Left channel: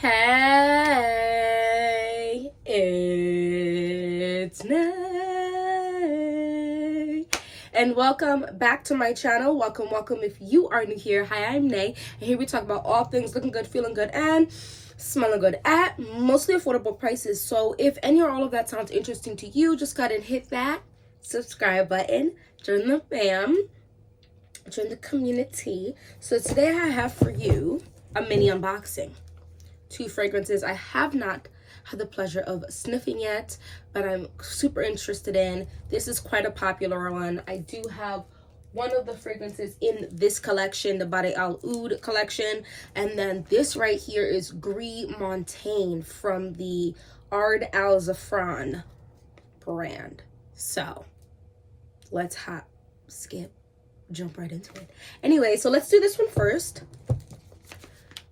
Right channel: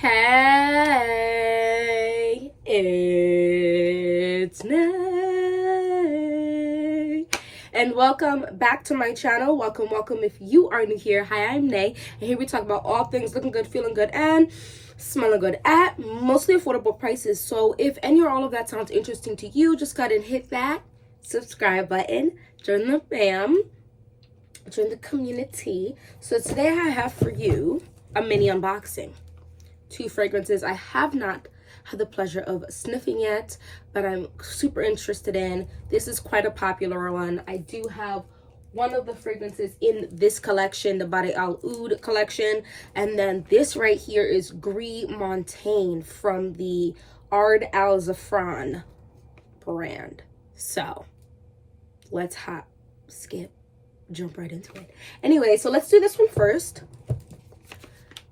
Hey, it's Nay, and welcome back to my channel. Welcome if you are new here. Hi, I'm Nay, and here we talk about all things looking good, feeling good, and smelling good at mostly affordable prices. So if any or all of that sounds interesting to you, just go ahead and hit that subscribe button, join the fam, join the community. So today I have for you a mini unboxing. Two fragrances I have not had the pleasure of sniffing yet, but I'm super interested in. This is quite a popular one. I do have one of the fragrances in this collection, the Bade Al Oud collection, and then this right here is Gris Montaigne from the Ard Al Zafran brand. So let's jump right into it. Anyway, so let's do this one first.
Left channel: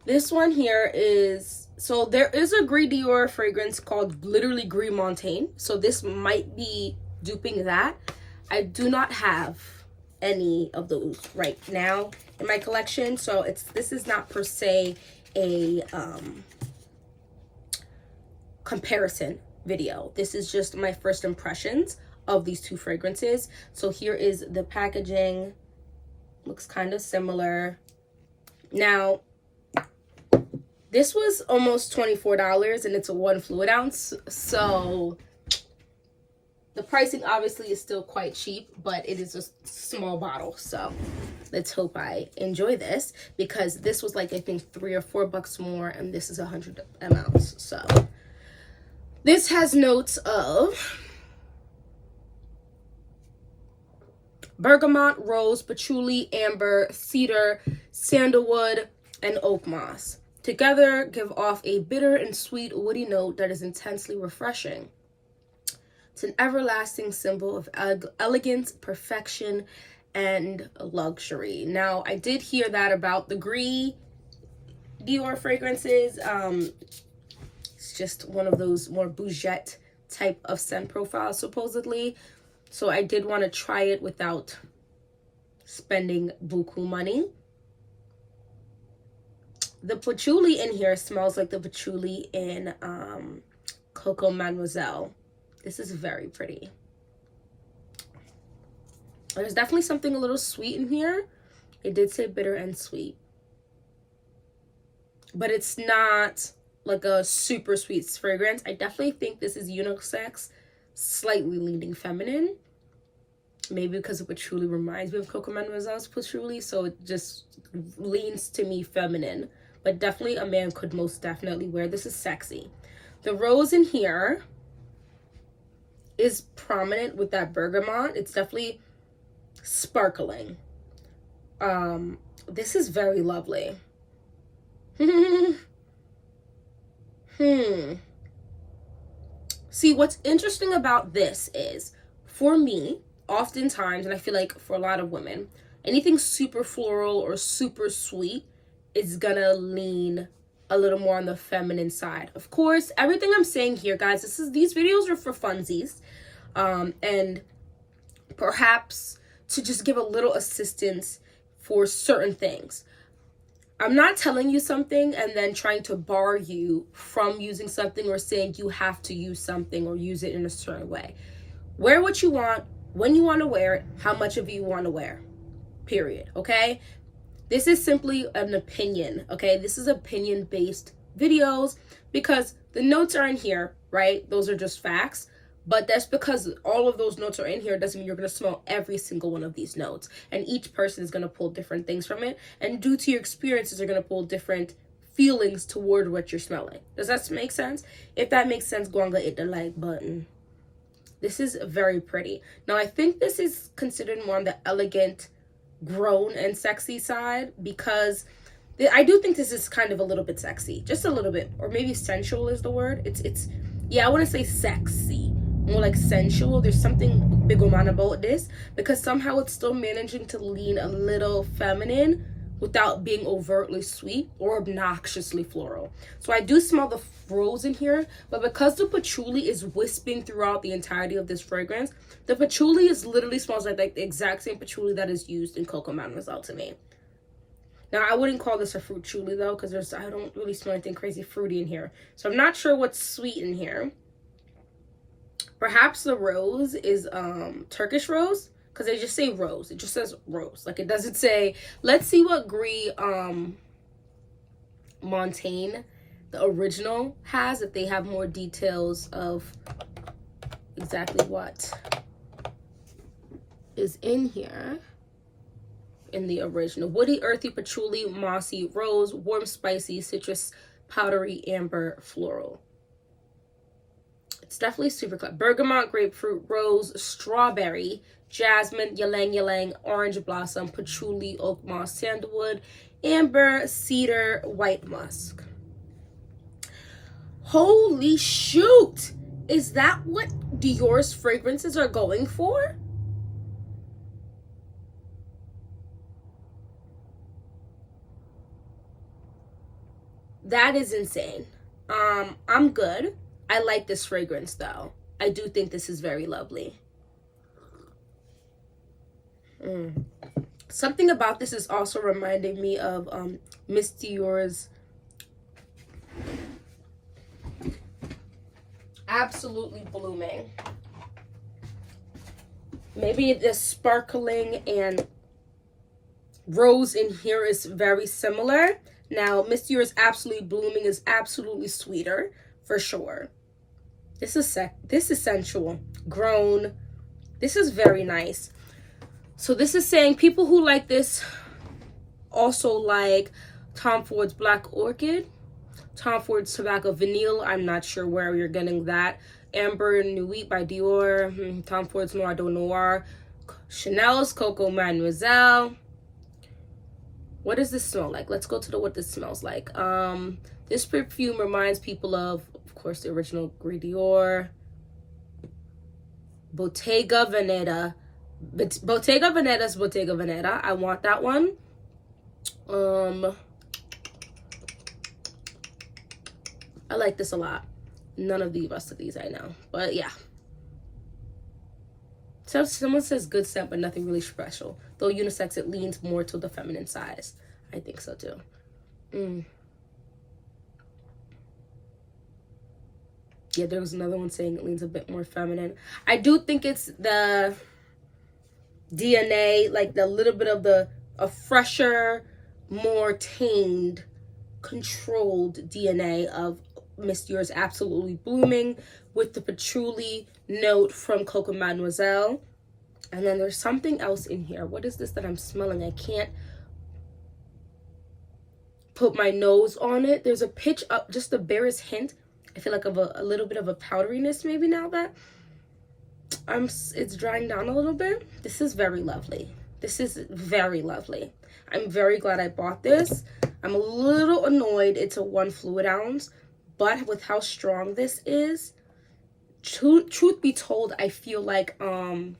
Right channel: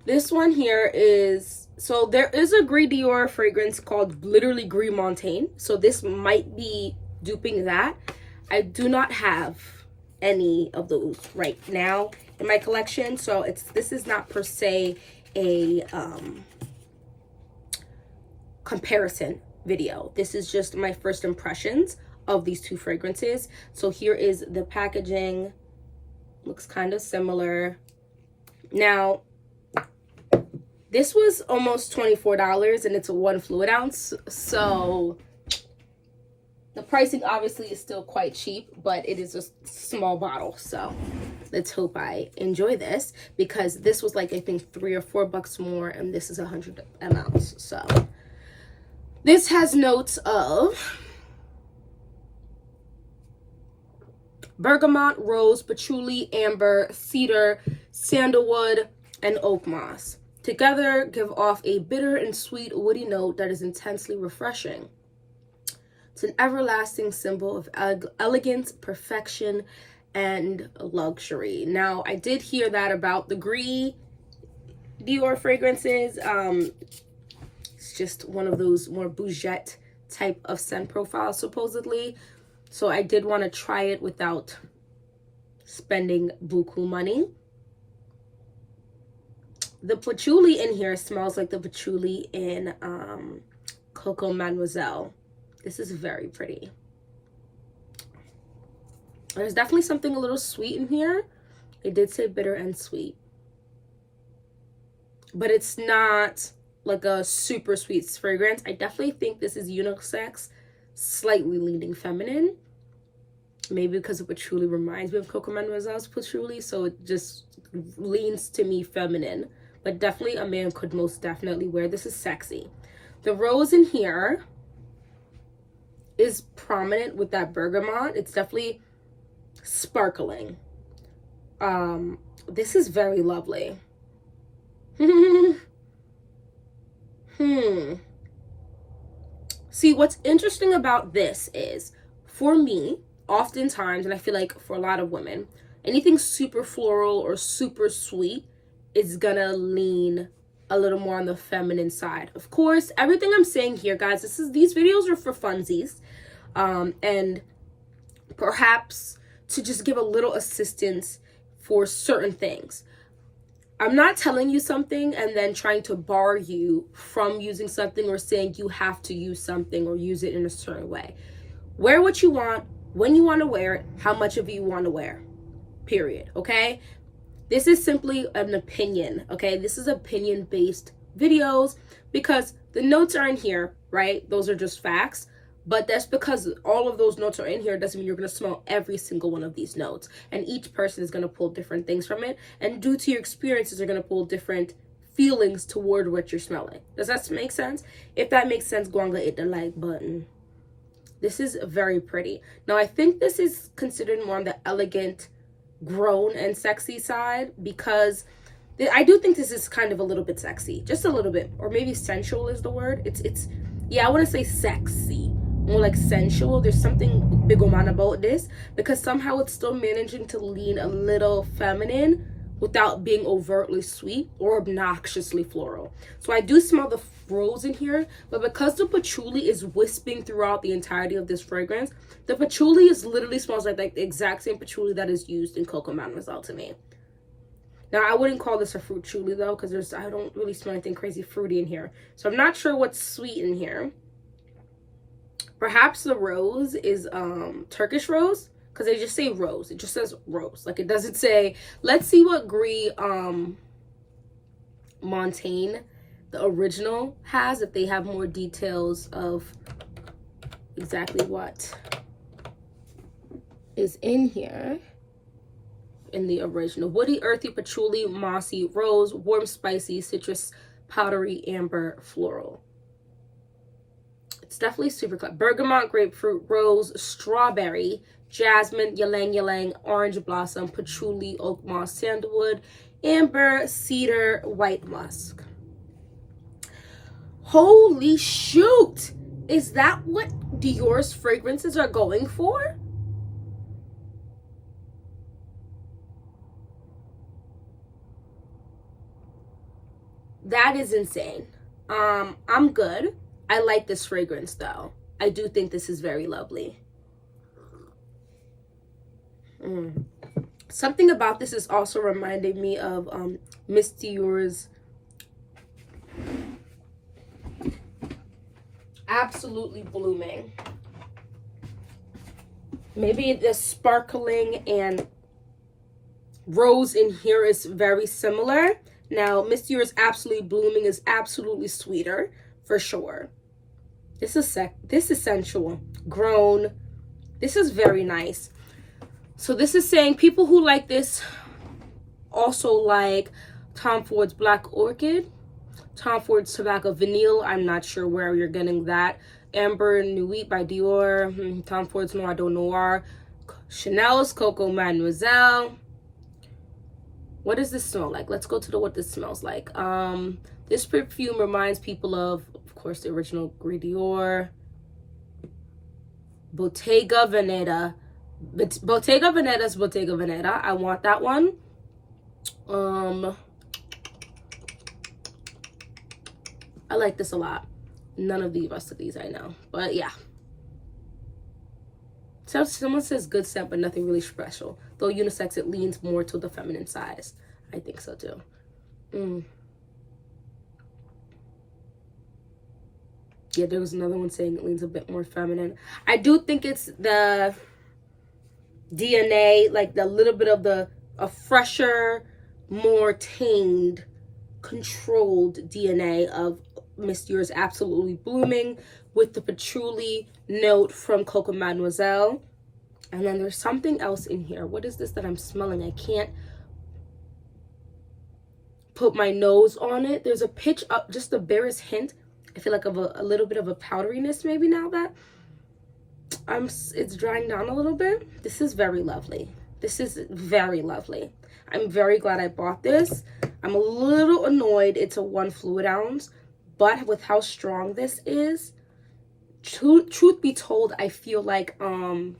This one here is, so there is a Gris Dior fragrance called literally Gris Montaigne. So this might be duping that. I do not have any of those right now in my collection. So this is not per se a comparison video. This is just my first impressions of these two fragrances. So here is the packaging. Looks kind of similar. Now, this was almost $24 and it's a 1 fluid ounce. So the pricing obviously is still quite cheap, but it is a small bottle. So let's hope I enjoy this, because this was like, I think $3 or $4 more, and this is 100 mLs. So this has notes of bergamot, rose, patchouli, amber, cedar, sandalwood, and oak moss. Together, give off a bitter and sweet woody note that is intensely refreshing. It's an everlasting symbol of elegance, perfection, and luxury. Now, I did hear that about the Gris Dior fragrances. It's just one of those more bougette type of scent profiles, supposedly. So I did want to try it without spending buku money. The patchouli in here smells like the patchouli in Coco Mademoiselle. This is very pretty. There's definitely something a little sweet in here. It did say bitter and sweet, but it's not like a super sweet fragrance. I definitely think this is unisex, slightly leaning feminine. Maybe because the patchouli reminds me of Coco Mademoiselle's patchouli, so it just leans to me feminine. But definitely a man could most definitely wear. This is sexy. The rose in here is prominent with that bergamot. It's definitely sparkling. This is very lovely. See, what's interesting about this is, for me, oftentimes, and I feel like for a lot of women, anything super floral or super sweet is gonna lean a little more on the feminine side. Of course, everything I'm saying here, guys, these videos are for funsies, and perhaps to just give a little assistance for certain things. I'm not telling you something and then trying to bar you from using something or saying you have to use something or use it in a certain way. Wear what you want, when you want to wear it, how much of it you want to wear, period. Okay, this is simply an opinion. Okay, this is opinion-based videos, because the notes are in here, right? Those are just facts, but that's because all of those notes are in here doesn't mean you're going to smell every single one of these notes, and each person is going to pull different things from it, and due to your experiences are going to pull different feelings toward what you're smelling. Does that make sense? If that makes sense, go and hit the like button. This is very pretty. Now, I think this is considered more on the elegant, grown, and sexy side, because I do think this is kind of a little bit sexy, just a little bit, or maybe sensual is the word. It's yeah, I wouldn't say sexy, more like sensual. There's something bigoman about this, because somehow it's still managing to lean a little feminine without being overtly sweet or obnoxiously floral. So I do smell the rose in here, but because the patchouli is wisping throughout the entirety of this fragrance, the patchouli literally smells like the exact same patchouli that is used in Coco Mademoiselle to me. Now, I wouldn't call this a fruit truly, though, because I don't really smell anything crazy fruity in here. So I'm not sure what's sweet in here. Perhaps the rose is Turkish rose, because they just say rose. It just says rose. Like, it doesn't say. Let's see what Gris Montaigne, the original, has, if they have more details of exactly what is in here. In the original: woody, earthy, patchouli, mossy, rose, warm, spicy, citrus, powdery, amber, floral. It's definitely super clever. Bergamot, grapefruit, rose, strawberry, jasmine, ylang ylang, orange blossom, patchouli, oak moss, sandalwood, amber, cedar, white musk. Holy shoot! Is that what Dior's fragrances are going for? That is insane. I'm good. I like this fragrance though. I do think this is very lovely. Something about this is also reminding me of Miss Dior's Absolutely Blooming. Maybe the sparkling and rose in here is very similar. Now, Miss Dior's Absolutely Blooming is absolutely sweeter, for sure. This is sensual, grown. This is very nice. So this is saying people who like this also like Tom Ford's Black Orchid, Tom Ford's Tobacco Vanille. I'm not sure where you're getting that. Amber Nuit by Dior, Tom Ford's Noir de Noir, Chanel's Coco Mademoiselle. What does this smell like? Let's go to what this smells like. This perfume reminds people of course, the original Gris Dior. Bottega Veneta. Bottega Veneta's Bottega Veneta. I want that one. I like this a lot. None of the rest of these I know. But yeah. So someone says good scent, but nothing really special. Though unisex, it leans more to the feminine size. I think so too. Yeah, there was another one saying it leans a bit more feminine. I do think it's the DNA, like the little bit of a fresher, more tamed, controlled DNA of Miss Dior's Absolutely Blooming with the patchouli note from Coco Mademoiselle. And then there's something else in here. What is this that I'm smelling? I can't put my nose on it. There's a pitch up, just the barest hint, I feel like, of a little bit of a powderiness maybe now that it's drying down a little bit. This is very lovely. This is very lovely. I'm very glad I bought this. I'm a little annoyed it's a 1 fluid ounce, but with how strong this is, truth be told, I feel like I'm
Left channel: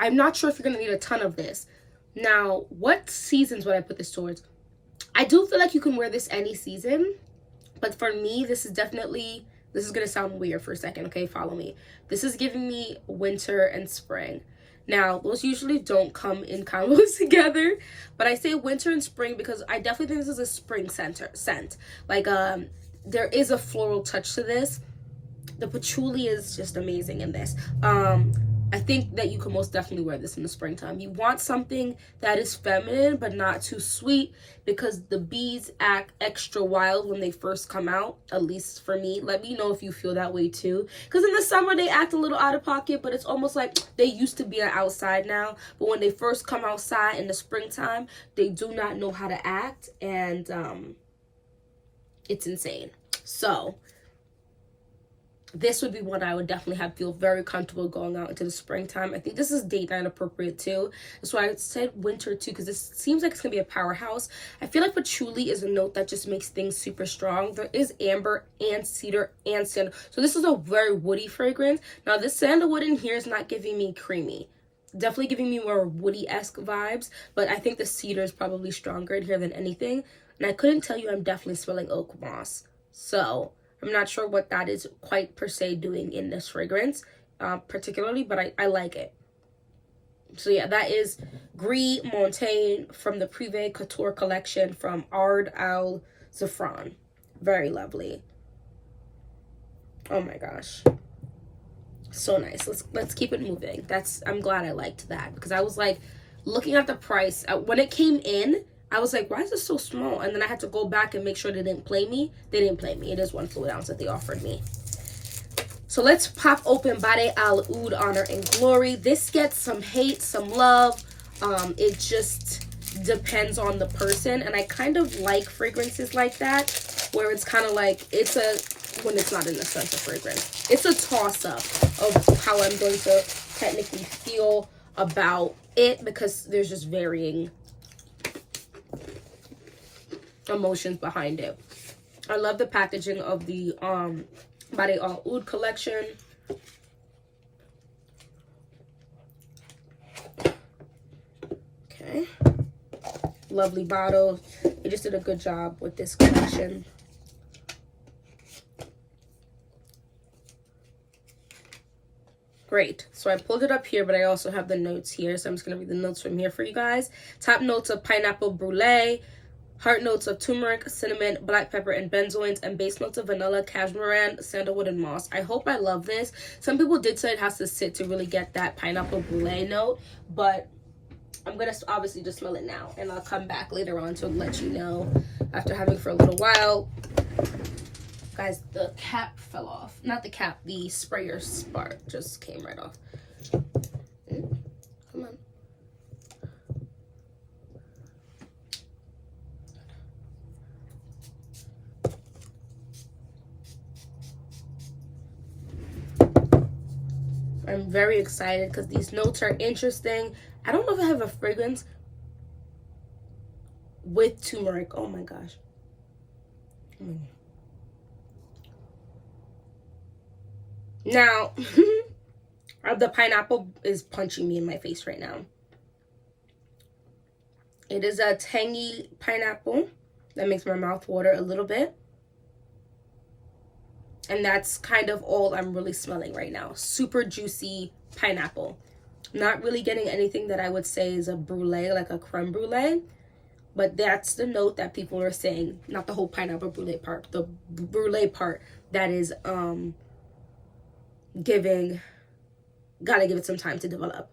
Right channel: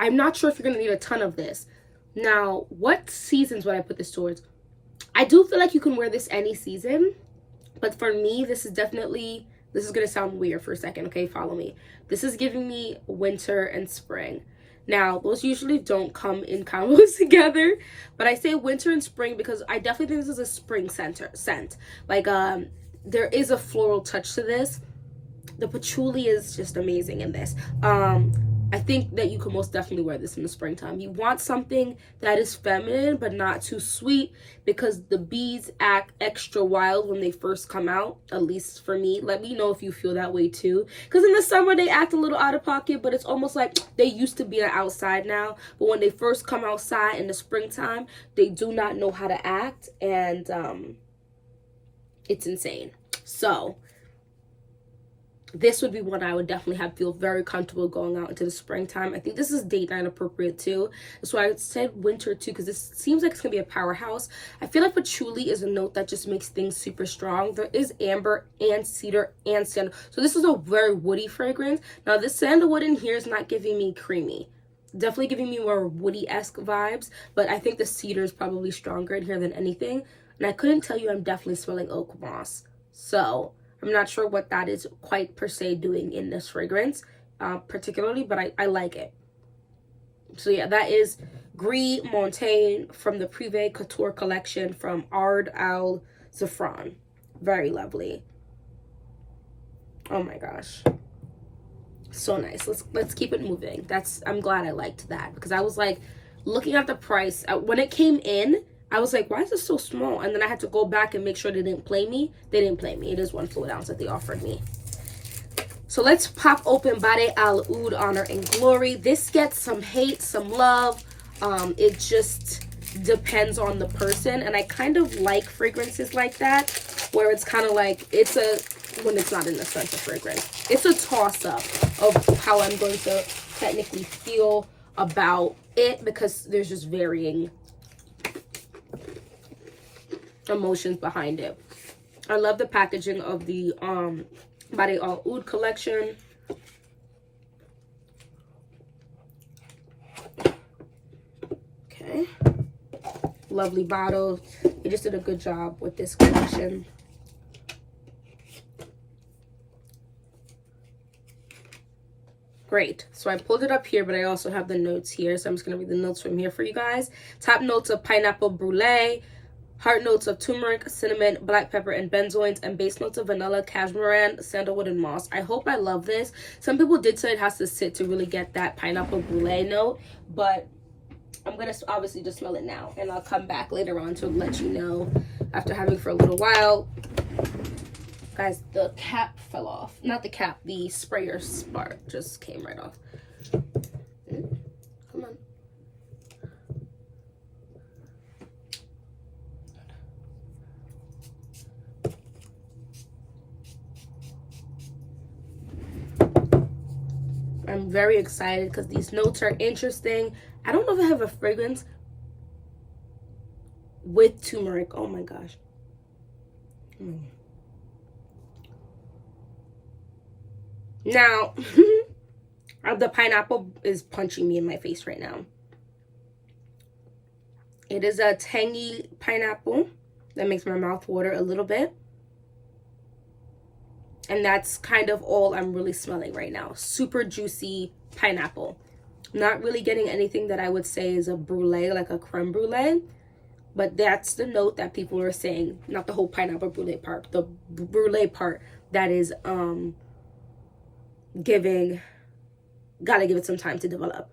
not sure if you're gonna need a ton of this. Now, what seasons would I put this towards? I do feel like you can wear this any season, but for me, this is gonna sound weird for a second, okay? Follow me. This is giving me winter and spring. Now, those usually don't come in combos together, but I say winter and spring because I definitely think this is a spring scent. Like, there is a floral touch to this. The patchouli is just amazing in this. I think that you can most definitely wear this in the springtime. You want something that is feminine but not too sweet, because the bees act extra wild when they first come out, at least for me. Let me know if you feel that way too, because in the summer they act a little out of pocket, but it's almost like they used to be outside now, but when they first come outside in the springtime, they do not know how to act, and it's insane. So this would be one I would definitely feel very comfortable going out into the springtime. I think this is date night appropriate too. That's why I said winter too, because this seems like it's gonna be a powerhouse. I feel like patchouli is a note that just makes things super strong. There is amber and cedar and sandal, so this is a very woody fragrance. Now this sandalwood in here is not giving me creamy, definitely giving me more woody-esque vibes, but I think the cedar is probably stronger in here than anything. And I couldn't tell you, I'm definitely smelling oak moss, so I'm not sure what that is quite per se doing in this fragrance particularly, but I like it. So yeah, that is Gris Montaigne from the Privé Couture collection from Ard Al Zafran. Very lovely. Oh my gosh. So nice. Let's keep it moving. I'm glad I liked that, because I was like looking at the price when it came in. I was like, why is this so small? And then I had to go back and make sure they didn't play me. They didn't play me. It is 1 fluid ounce that they offered me. So let's pop open Bade Al Oud Honor and Glory. This gets some hate, some love. It just depends on the person. And I kind of like fragrances like that, where it's kind of like, when it's not an essential fragrance, it's a toss-up of how I'm going to technically feel about it, because there's just varying emotions behind it. I love the packaging of the Bade Al Oud collection. Okay, lovely bottles. They just did a good job with this collection. Great. So I pulled it up here, but I also have the notes here, so I'm just going to read the notes from here for you guys. Top notes of pineapple brulee, heart notes of turmeric, cinnamon, black pepper, and benzoins, and base notes of vanilla, cashmere, sandalwood, and moss. I hope I love this. Some people did say it has to sit to really get that pineapple brulee note, but I'm going to obviously just smell it now, and I'll come back later on to let you know after having for a little while. Guys, the cap fell off. Not the cap, the sprayer spark just came right off. Come on. I'm very excited because these notes are interesting. I don't know if I have a fragrance with turmeric. Oh my gosh. Now, the pineapple is punching me in my face right now. It is a tangy pineapple that makes my mouth water a little bit. And that's kind of all I'm really smelling right now. Super juicy pineapple. Not really getting anything that I would say is a brulee, like a creme brulee. But that's the note that people are saying. Not the whole pineapple brulee part. The brulee part that is gotta give it some time to develop.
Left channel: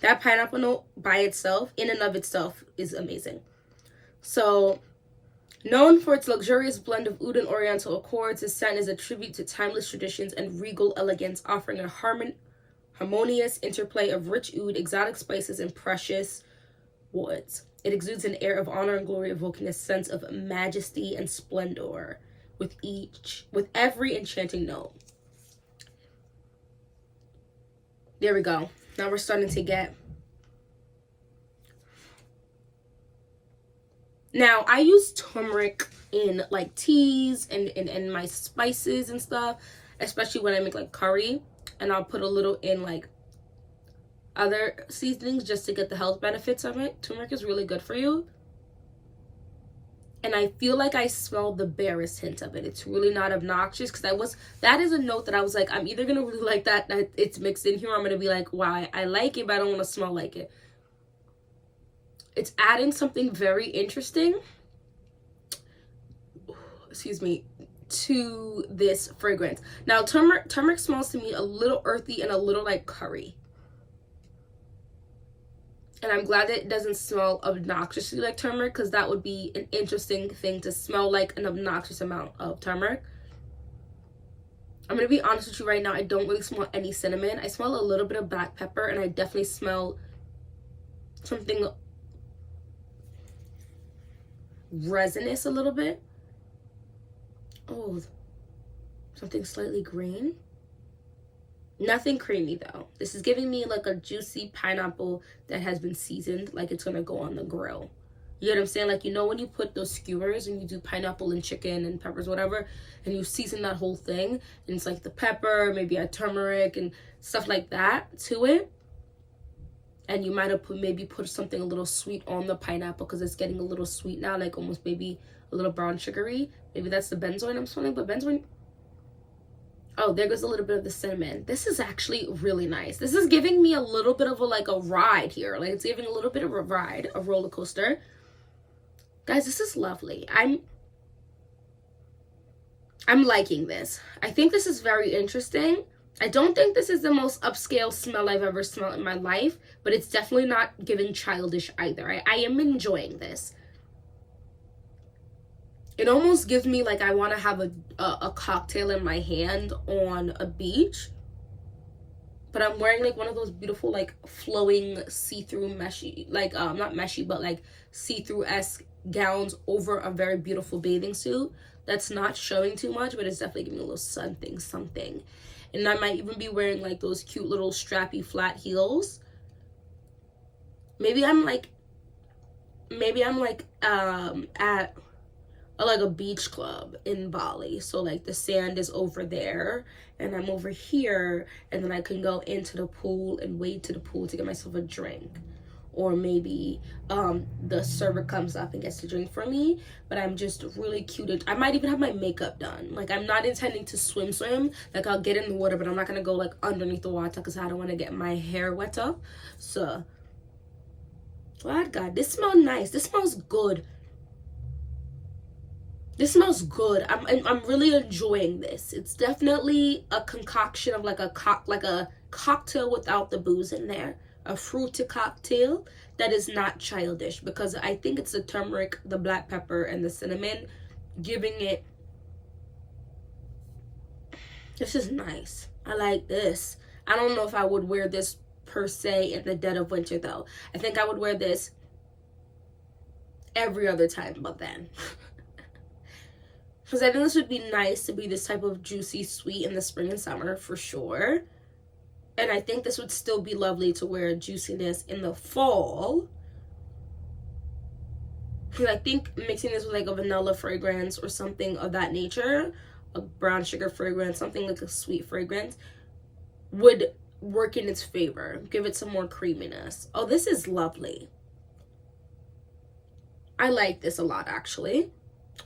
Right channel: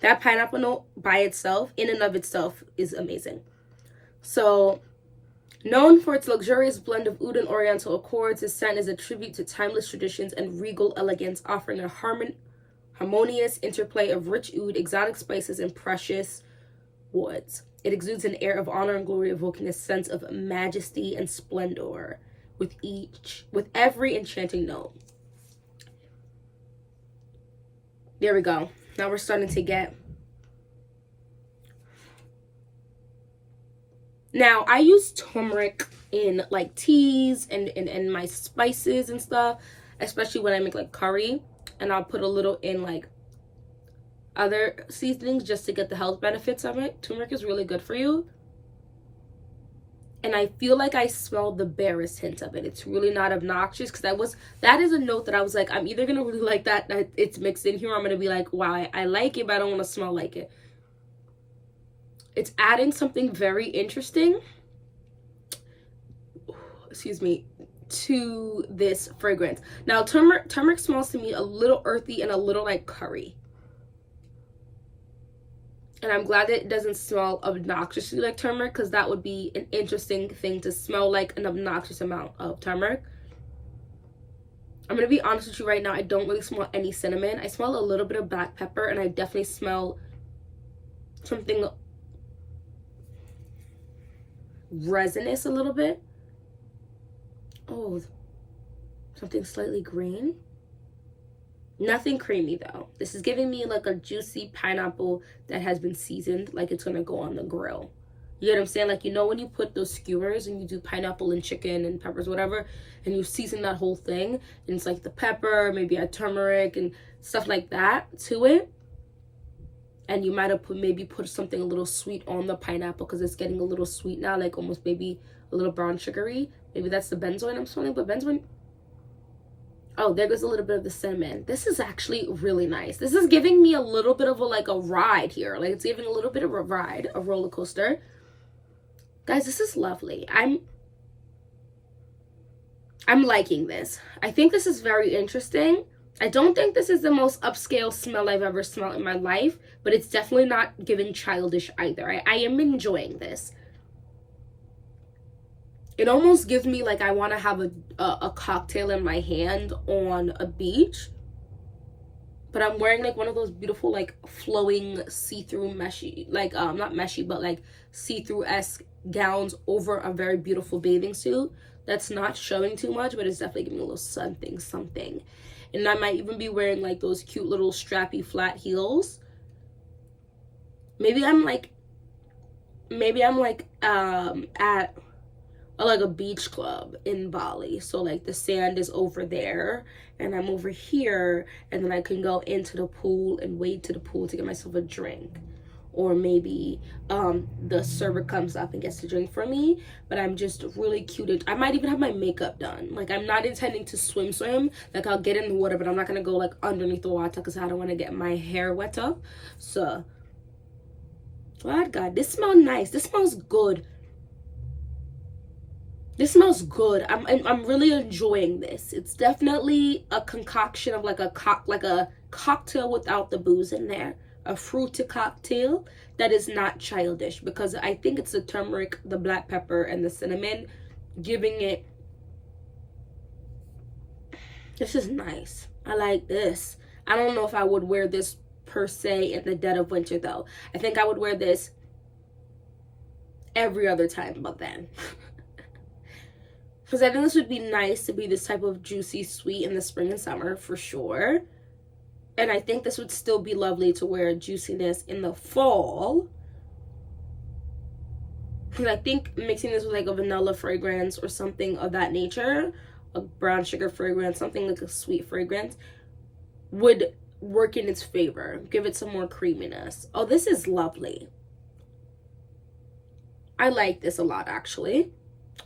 That pineapple note by itself, in and of itself, is amazing. So, known for its luxurious blend of oud and oriental accords, this scent is a tribute to timeless traditions and regal elegance, offering a harmonious interplay of rich oud, exotic spices, and precious woods. It exudes an air of honor and glory, evoking a sense of majesty and splendor with every enchanting note. There we go. Now we're starting to get... Now, I use turmeric in, like, teas and my spices and stuff, especially when I make, like, curry. And I'll put a little in, like, other seasonings just to get the health benefits of it. Turmeric is really good for you. And I feel like I smell the barest hint of it. It's really not obnoxious, because that is a note that I was like, I'm either going to really like that it's mixed in here, or I'm going to be like, wow, I like it, but I don't want to smell like it. It's adding something very interesting, excuse me, to this fragrance. Now, turmeric smells to me a little earthy and a little like curry. And I'm glad that it doesn't smell obnoxiously like turmeric, because that would be an interesting thing to smell like an obnoxious amount of turmeric. I'm going to be honest with you right now. I don't really smell any cinnamon. I smell a little bit of black pepper, and I definitely smell something resinous a little bit. Oh, something slightly green. Nothing creamy though. This is giving me like a juicy pineapple that has been seasoned, like it's gonna go on the grill. You know what I'm saying? Like, you know when you put those skewers and you do pineapple and chicken and peppers, whatever, and you season that whole thing, and it's like the pepper, maybe a turmeric and stuff like that to it. And you might have maybe put something a little sweet on the pineapple, because it's getting a little sweet now, like almost maybe a little brown sugary. Maybe that's the benzoin I'm smelling, but benzoin... Oh, there goes a little bit of the cinnamon. This is actually really nice. This is giving me a little bit of a, like a ride here. Like it's giving a little bit of a ride, a roller coaster. Guys, this is lovely. I'm liking this. I think this is very interesting. I don't think this is the most upscale smell I've ever smelled in my life, but it's definitely not giving childish either. I am enjoying this. It almost gives me like I want to have a cocktail in my hand on a beach. But I'm wearing like one of those beautiful like flowing see-through meshy, like not meshy, but like see-through-esque gowns over a very beautiful bathing suit. That's not showing too much, but it's definitely giving a little something. And I might even be wearing like those cute little strappy flat heels. Maybe I'm like at like a beach club in Bali. So like the sand is over there and I'm over here, and then I can go into the pool and wade to the pool to get myself a drink. Or maybe the server comes up and gets the drink for me, but I'm just really cute. I might even have my makeup done. Like I'm not intending to swim. Like I'll get in the water, but I'm not gonna go like underneath the water because I don't want to get my hair wet up. So, what God, this smells nice. This smells good. This smells good. I'm really enjoying this. It's definitely a concoction of like a cocktail without the booze in there. A fruity cocktail that is not childish, because I think it's the turmeric, the black pepper, and the cinnamon giving it. This is nice. I like this. I don't know if I would wear this per se in the dead of winter though. I think I would wear this every other time but then. Because I think this would be nice to be this type of juicy sweet in the spring and summer for sure. And I think this would still be lovely to wear juiciness in the fall. Because I think mixing this with like a vanilla fragrance or something of that nature, a brown sugar fragrance, something like a sweet fragrance, would work in its favor. Give it some more creaminess. Oh, this is lovely. I like this a lot actually.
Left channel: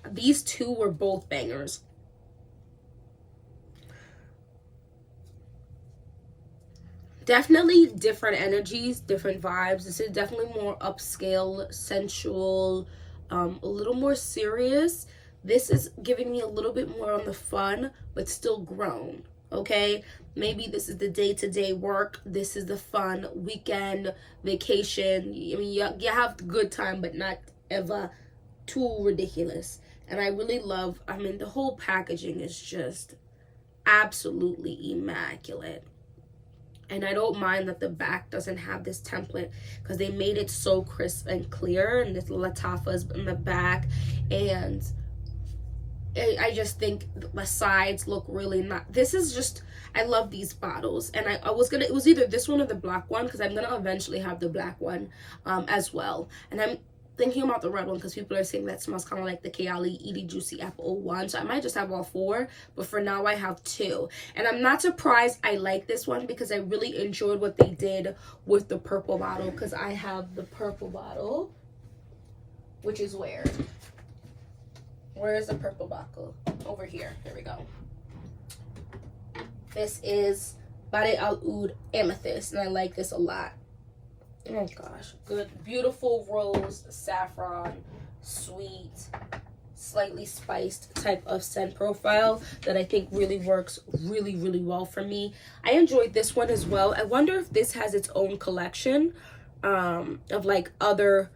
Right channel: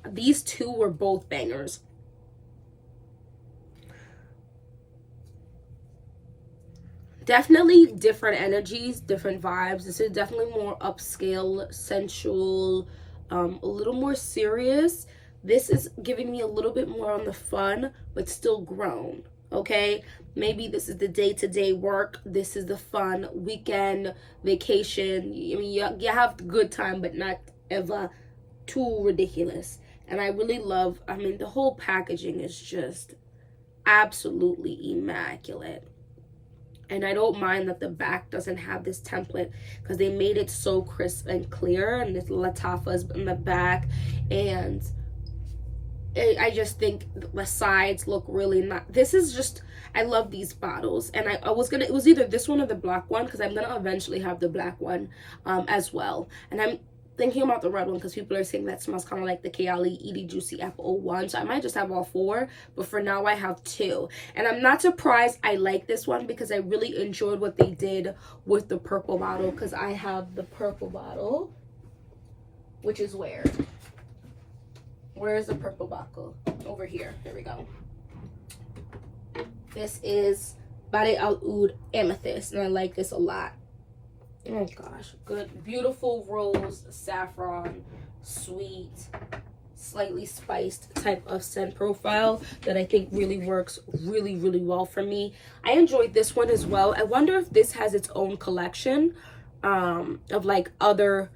These two were both bangers. Definitely different energies, different vibes. This is definitely more upscale, sensual, a little more serious. This is giving me a little bit more on the fun, but still grown, okay? Maybe this is the day-to-day work. This is the fun weekend, vacation. I mean, you have a good time, but not ever too ridiculous. And I really love, I mean, the whole packaging is just absolutely immaculate. And I don't mind that the back doesn't have this template, because they made it so crisp and clear, and this latafas in the back, and I just think the sides look really nice. This is just, I love these bottles. And I was gonna, it was either this one or the black one, because I'm gonna eventually have the black one as well. And I'm thinking about the red one because people are saying that smells kind of like the Kayali Edie Juicy Apple 01. So I might just have all four, but for now I have two. And I'm not surprised I like this one, because I really enjoyed what they did with the purple bottle, because I have the purple bottle, which is where is the purple bottle? Over here. Here we go. This is Bade Al Oud Amethyst, and I like this a lot. Oh gosh, good, beautiful rose, saffron, sweet, slightly spiced type of scent profile that I think really works really well for me. I enjoyed this one as well. I wonder if this has its own collection of like other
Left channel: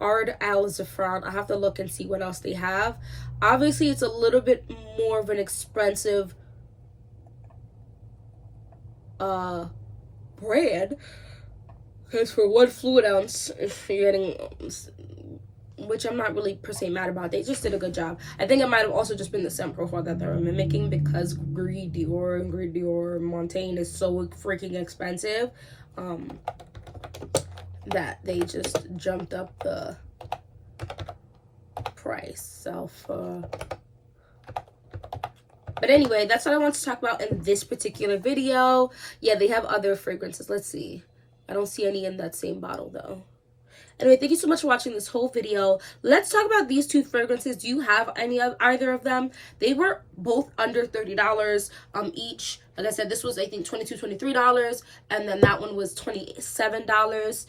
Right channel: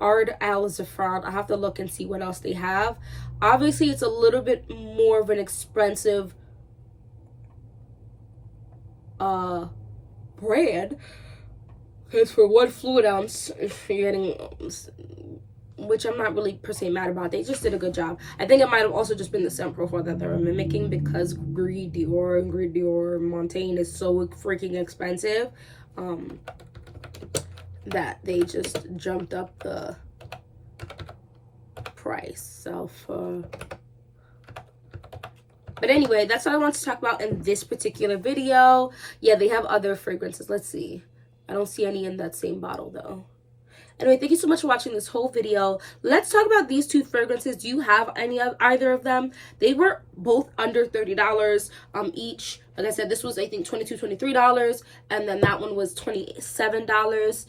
Ard Al Zafran. I have to look and see what else they have. Obviously, it's a little bit more of an expensive brand. Because for 1 fluid ounce, you're getting, which I'm not really per se mad about. They just did a good job. I think it might have also just been the scent profile that they're mimicking, because Gris Montaigne is so freaking expensive that they just jumped up the price. So but anyway, that's what I want to talk about in this particular video. Yeah, they have other fragrances. Let's see. I don't see any in that same bottle though. Anyway, thank you so much for watching this whole video. Let's talk about these two fragrances. Do you have either of them? They were both under $30 each. Like I said, this was, I think, $22, $23, and then that one was $27.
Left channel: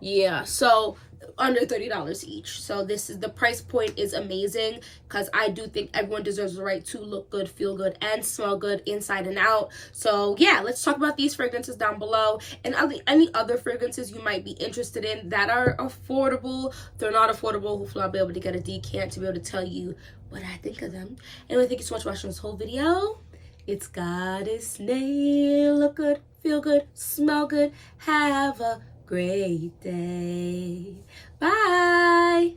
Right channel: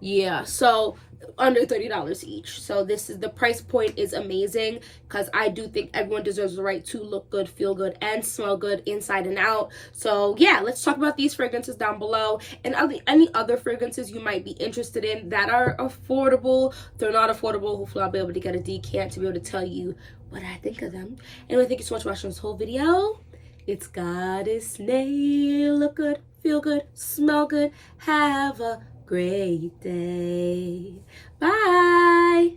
Yeah, so under $30 each. So this is, the price point is amazing, because I do think everyone deserves the right to look good, feel good, and smell good inside and out. So yeah, let's talk about these fragrances down below, and any other fragrances you might be interested in that are affordable. If they're not affordable, hopefully I'll be able to get a decant to be able to tell you what I think of them. Anyway, thank you so much for watching this whole video. It's Goddess Nail. Look good, feel good, smell good, have a great day. Bye.